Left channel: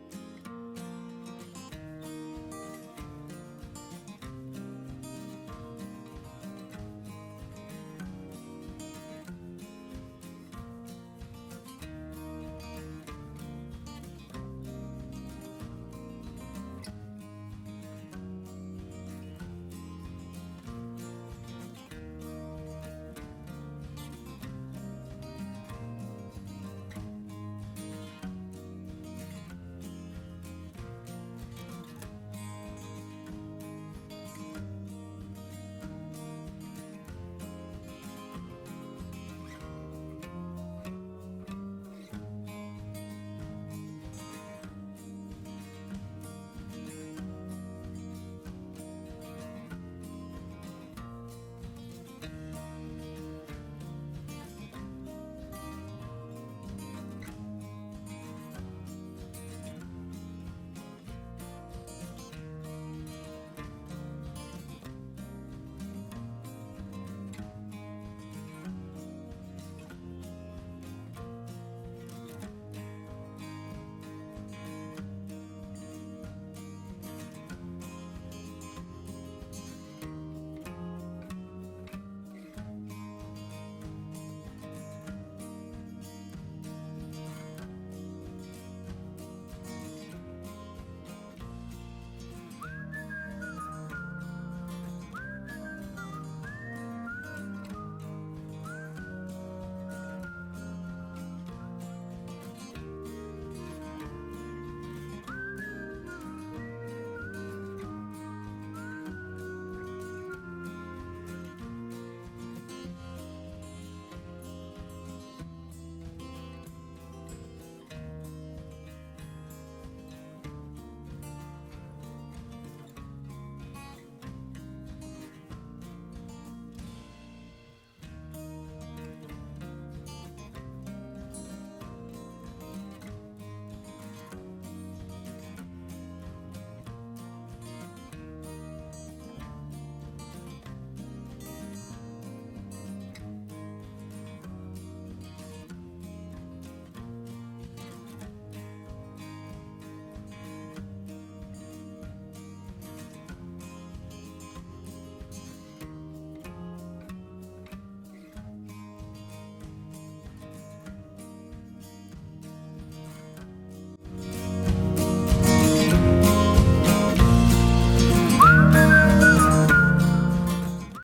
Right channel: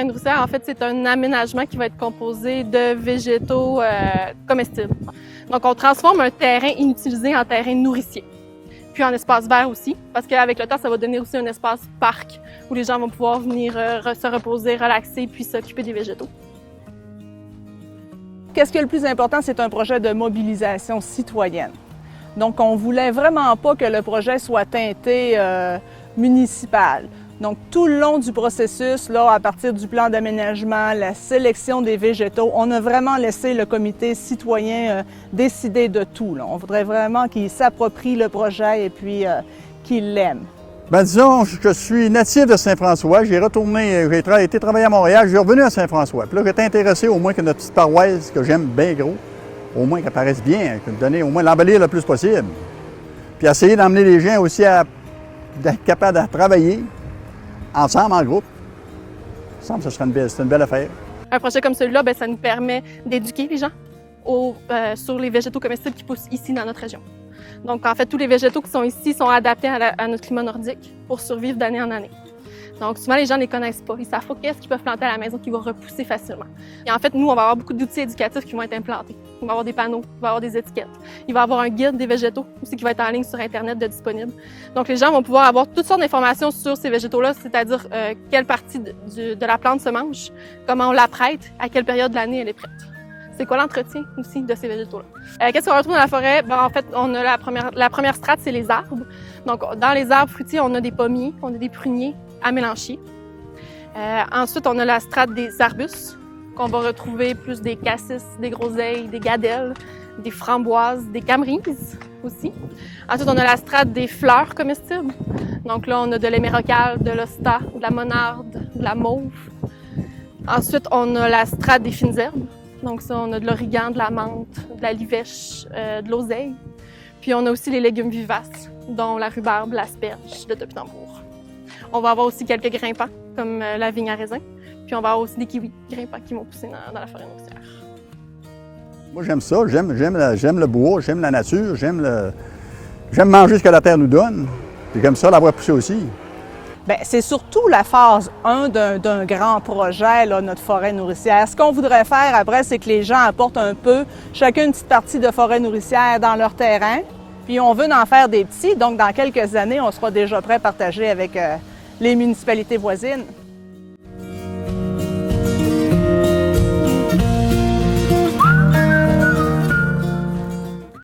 forêt nourricière, en fait, c'est un aménagement qui va être composé de végétaux comestibles. Donc, on transforme un terrain inutilisé en terrain nourricier. Puis en espace vert aussi, parce qu'avec le temps, ça va donner aussi un espace parc où les gens vont pouvoir venir se reposer, relaxer, puis s'occuper des végétaux. Qu'est-ce qui est le plus important? C'est un projet de mobilisation citoyenne. Donc, on ne voulait vraiment pas que le projet soit teinté municipal. Donc, tout le long du processus, là, à partir du plan d'aménagement, la sélection des végétaux, on a vraiment laissé le comité citoyen décider de tout, là. On voudrait vraiment qu'il s'approprie le projet et puis qu'il l'aime. Bien, disons, je suis natif de Saint-François. J'ai été travailler à Montréal, je suis revenu à Saint-François. Puis là, j'étais intéressé au moins que notre petite paroisse, que j'aime bien gros, au moins qu'elle paraisse bien, que donner au moins l'embellir le plus possible. Puis essayer d'emmener les gens aussi à être capables de travailler ensemble, en groupe. Il me semble que c'est une belle affaire. Un projet comme celui-là, ça nous permet d'éduquer les gens sur les végétaux comestibles qui poussent ici dans notre région. Donc, en fait, tous les végétaux qui sont ici sont adaptés à notre climat nordique pour survivre d'année en année. Donc, souvent, les gens ne les connaissent pas. Ils ne savent pas qu'est-ce qu'ils peuvent planter à la maison qui va repousser facilement. Et en fait, nous, on va avoir beaucoup d'outils éducatifs qui vont être implantés. Il va y avoir des panneaux, il va y avoir des étiquettes. Il va y avoir un guide des végétaux aussi qui va être en ligne sur Internet de disponible. Donc, les gens vont pouvoir avoir toutes sortes d'informations sur ces végétaux-là, c'est-à-dire quelle partie de la plante se mange, comment on la prête, à quelle période de l'année elle est prête. C'est quoi l'entretien aussi de ces végétaux-là. Qu'est-ce qu'on retrouve dans la forêt? En fait, on a la première strate, c'est les arbres. Donc, dans les arbres fruitiers, on a des pommiers, on a des pruniers à mélanchier. Ensuite, on a la strate des arbustes, qu'on va retrouver plus des cassis, des groseilles, des gadelles, des framboises, des camerises aussi. Ensuite, on a la strate des fleurs comestibles. Donc là, on a de l'émérocale, de l'hosta, de la monarde, de la mauve. Ensuite, on a la strate des fines herbes. Donc ça, on a de l'origan, de la menthe, de la livèche, de l'oseille. Puis on a aussi les légumes vivaces, dont la rhubarbe, l'asperge, le topinambour. On va avoir aussi quelques grimpants, comme la vigne à raisin. Puis on va avoir aussi des kiwis grimpants qui vont pousser dans la forêt nourricière. Moi, j'aime ça. J'aime le bois, j'aime la nature, j'aime manger ce que la terre nous donne. Puis j'aime ça, la voir pousser aussi. Bien, c'est surtout la phase 1 d'un grand projet, là, notre forêt nourricière. Ce qu'on voudrait faire après, c'est que les gens apportent un peu, chacun une petite partie de forêt nourricière dans leur terrain. Puis on veut en faire des petits, donc dans quelques années, on sera déjà prêt à partager avec les municipalités voisines.